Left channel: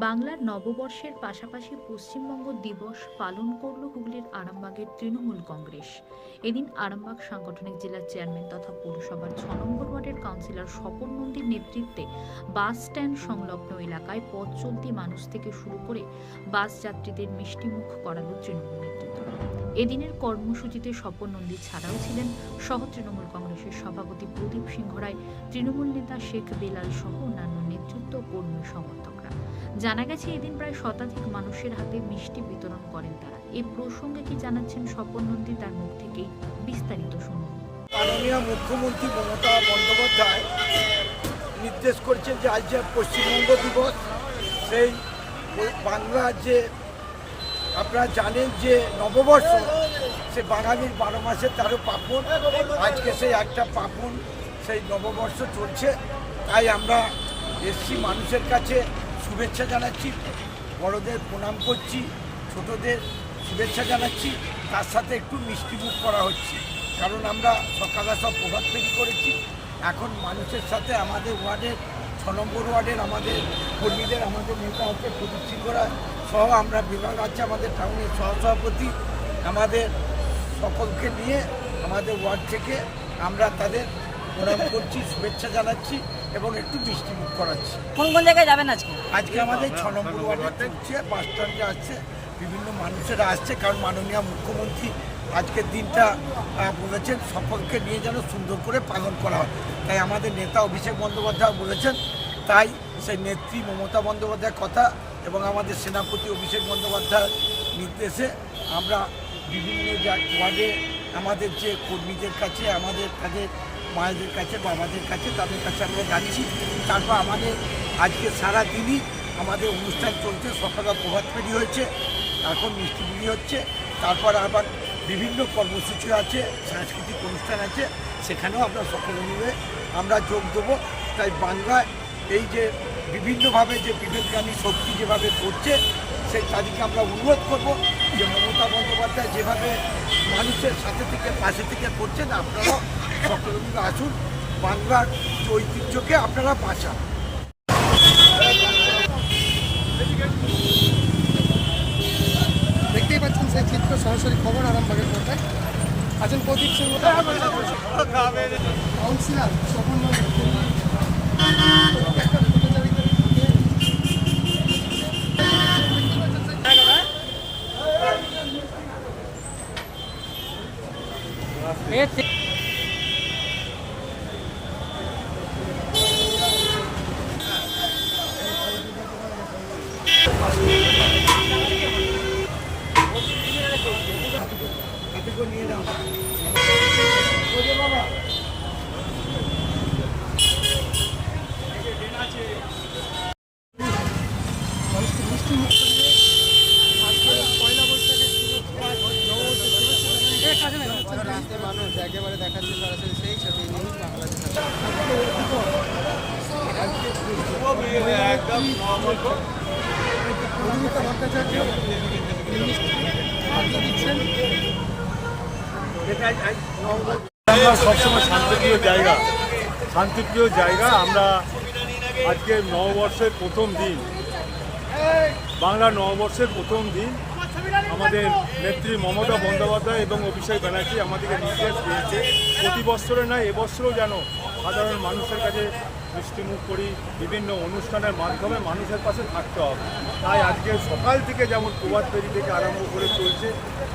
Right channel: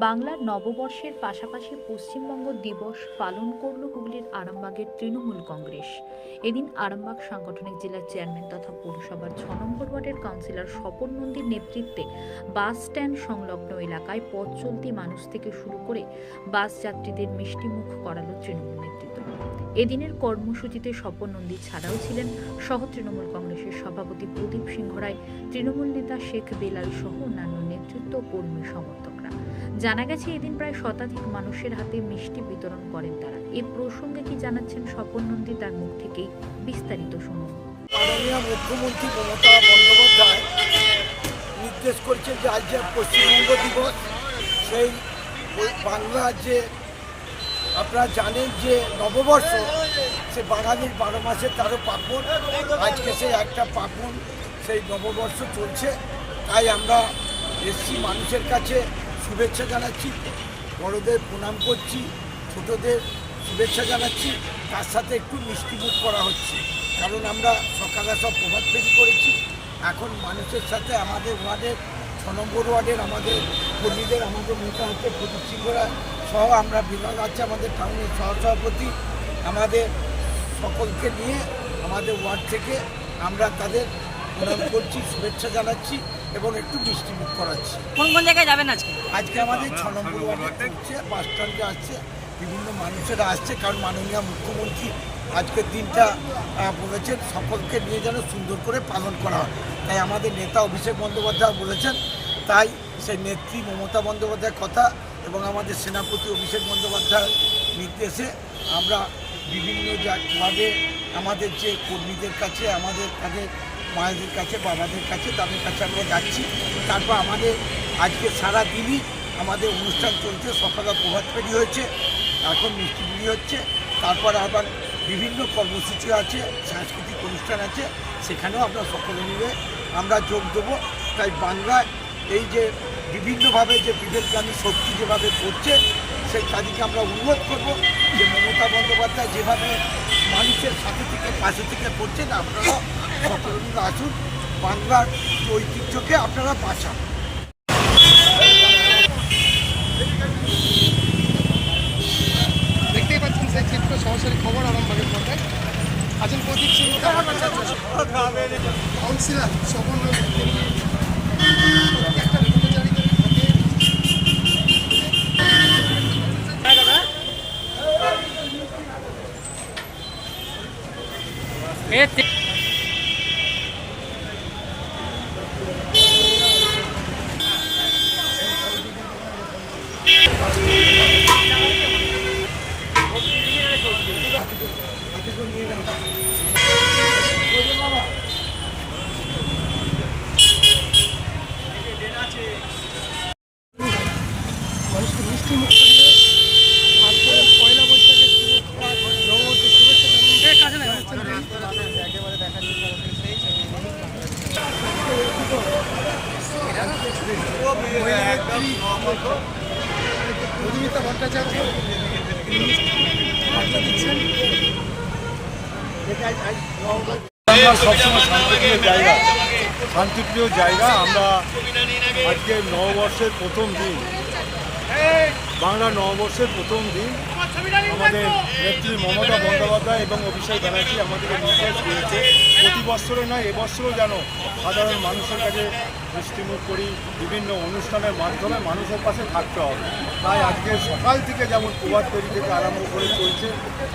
বাংলার নববর্ষের পাশাপাশি পশ্চিমবঙ্গ দিবস পালন করল হুগলির আরামবাগের তৃণমূল কংগ্রেস। এদিন আরামবাগ সাংগঠনিক জেলার চেয়ারম্যান তথা পৌরসভার ছ নম্বর ওয়ার্ডের কাউন্সিলর স্বপন নন্দীর নেতৃত্বে বাস স্ট্যান্ড সংলগ্ন এলাকায় পথ চলতি মানুষ থেকে শুরু করে বাস যাত্রীদের মিষ্টিমুখ করালো তৃণমূল নেতৃত্ব। এদিনের কর্মসূচিতে স্বপন নন্দী ছাড়াও ছিলেন সহ তৃণমূল কংগ্রেসের সভাপতি প্রদীপ সিংহ রায় তৃণমূল নেতা শেখ বেলাল সহ অন্যান্য নেতৃত্ব কর্মী সমর্থকরা। জানা গেছে, এদিন প্রায় শতাধিক মানুষের হাতে মিষ্টি বিতরণ করেন তারা। এ প্রসঙ্গে কি জানাচ্ছেন স্বপন নন্দী তার মুখ থেকেই বিস্তারিত শুনুন। মাননীয় মুখ্যমন্ত্রী মমতা বন্দ্যোপাধ্যায় নির্দেশ করেছেন যে আজ যে পশ্চিমবঙ্গ দিবস, সেই বাংলার যে আপনারা জানেন যে নববর্ষ, সে বাঙালির বারো মাসে তেরো পার্বণ আজকে সেই একটা পার্বণ সেই নববর্ষ চলছে। তাই আমরা এসছি মানুষের কাছে। শুভেচ্ছা জানাচ্ছি, বড়দের প্রণাম করছি, ছোটদের শুভেচ্ছা জানাচ্ছি, তার সাথে একটু মিষ্টি মুখ করা হচ্ছে। কারণ আমরা সকালে সব প্রভাত ফেরি করেছি, এখন মানুষের সাথে আমাদের ওয়ার্ডের, ছ নম্বর ওয়ার্ডের আমাদের কর্মীদের, আমাদের নেতা হচ্ছে প্রদীপ সিংহ রায় সহ আমরা বিভাগ আছে আমাদের টাউনের সহসভাপতি, আমাদের সকলকে নিয়ে আমাদের ওয়ার্ড থেকে আমরা তাদের প্রণাম করছি শুভেচ্ছা জানাচ্ছি এবং একটু মিষ্টিমুখ করাচ্ছি। কোন কোন জায়গায় যাবেন আজকে? আজকে আমাদের ছ নম্বর ওয়ার্ডে চলছে বাস স্ট্যান্ডে আসছে বিভিন্ন মানুষেরা আসছে কারণ মাননীয় মুখ্যমন্ত্রী আজকের দিনটা বলেছেন সকলকে নিয়ে যেন সুন্দর করে পালন করা হয়। তাই আমাদের নেতা অভিষেক বন্দ্যোপাধ্যায় বলেছেন তাই সেই নেত্রী মমতা বন্দ্যোপাধ্যায়ের কথা এবং আমাদের সেনাপতি অভিষেক বন্দ্যোপাধ্যায়ের নির্দেশে আমরা বিভিন্ন জা- ওয়ার্ডে আমাদের যে কর্মীদের কাছে আমাদের তাদের মায়েদের কাছে, বাবাদের কাছে, তাদের কাছে আমরা যাচ্ছি। তারপর আমাদের আজকে সারা দিনই আমাদের অনুষ্ঠান চলছে, সকালে প্রভাত ফেরি হয়েছে, এখন মিষ্টি মিষ্টিমুড়ি হচ্ছে। তারপর আবার বিভিন্ন কর্মসূচি আছে, সাংস্কৃতিক অনুষ্ঠান আছে, সেখানেও আমরা সকলে মিলে আমরা যোগ দেবো। তাই বাংলায় এই যে বিভিন্নভাবে যে বিবেকগামী শক্তি যেভাবে করছে, সেই তাদেরকে আমরা অনুরোধ করব যে মমতা বন্দ্যোপাধ্যায় যেভাবে মানুষের সাথে থেকে, পাশে থেকে করছেন, আপনারাও সকলে আসুন বাংলার ঐতিহ্যকে আপনারা বাঁচান। দেখতেই পাচ্ছেন সেই চিত্র সরাসরি খবর আরামবাগের মধ্যে আছেন প্রদীপ সিং। কাউন্সিলর সম্পন্ন একটা পূজারিত থাকে হাতে করে নিয়ে নাও ওই যে বাবা মানুষকে মিষ্টি মুখ করিয়ে আজকে পয়লা বৈশাখের শুভেচ্ছা নববর্ষের শুভেচ্ছা জানাচ্ছেন একেবারে দেখার জন্য সরাসরি সেই ছবি নেই মধুমিতা ভট্টাচার্য দিচ্ছেন। আমরা সবসময় শান্তিপ্রিয় জায়গা। শান্তিপ্রিয় জায়গা আমরা আজকে নববর্ষের প্রথম দিন। বাংলা নববর্ষের প্রথম দিন আমাদের নেত্রী মমতা বন্দ্যোপাধ্যায় এবং অভিষেক ব্যানার্জি আমাদেরকে নির্দেশ দিয়েছে। প্রতি বছরে নয়, এবছরও যেন সাধারণ মানুষের কাছে মিষ্টিমুখ করি, বিভিন্ন অনুষ্ঠানের মাধ্যমে মানুষের পাশে থাকতে হবে। তাই আজকে সকাল থেকে যেমন প্রভাত তৈরি থেকে আরম্ভ করে চলছে,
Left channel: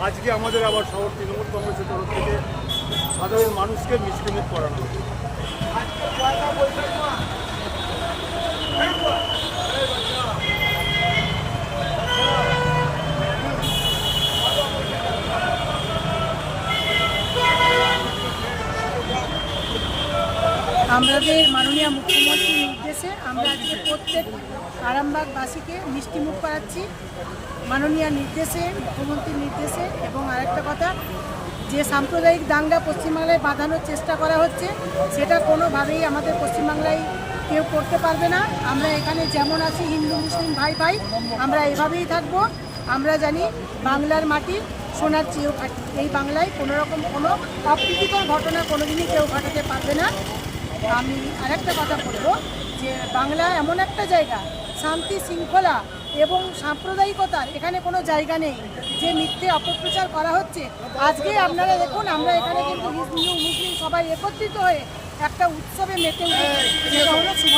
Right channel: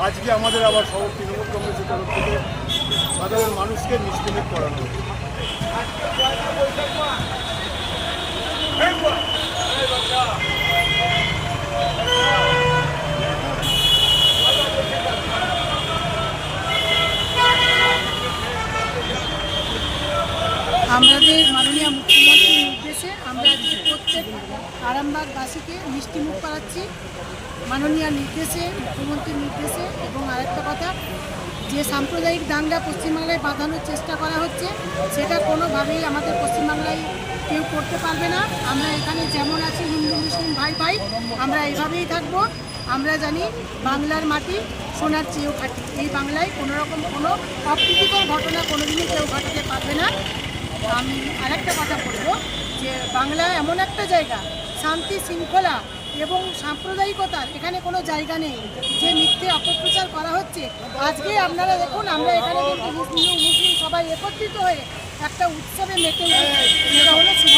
আজকে আমাদের আবার শহর তৃণমূল কংগ্রেসের তরফ থেকে সাধারণ মানুষকে মিষ্টিমুখ করানো হবে আমাদের মাননীয় মুখ্যমন্ত্রীর নির্দেশে আমরা আজকে প্রত্যেক আরামবাগবাসীকে মিষ্টি মুখ করাচ্ছি। মাননীয় নির্দেশে, মুখ্যমন্ত্রীর নির্দেশে এবং আরেকটা কথা, যে সাম্প্রদায়িক দাঙ্গা পশ্চিমবাংলায় বাঁধানোর চেষ্টা করা হচ্ছে, সেটা কোনোভাবেই আমাদের পশ্চিমবাংলায় কেউ করতে পারবে না। আমরা এখানে যেমন আছি, হিন্দু, মুসলিম, ভাই ভাই, আমরা এভাবেই থাকব। আমরা জানি বাংলার মাটি সোনার চেয়েও খাটি। এই বাংলায় কোনো রকম কোনো অপ্রীতিকর ঘটনা কোনোদিনই কেউ ঘটাতে পারবে না। আমি আরেকটা কথা বলব যে বাংলা এমন একটা জায়গা, শান্তি, শৃঙ্খলা এবং সাম্প্রদায়িকতার এখানে কোনো জায়গা নেই। যে মিথ্যে অপপ্রচার করা হচ্ছে, আজকে আপনারা দেখুন, আমরা এখানে কিন্তু হিন্দু, মুসলিম সবাই একত্রিত হয়ে একটা উৎসবে মেতে উঠেছি। সেটা হলো শুভ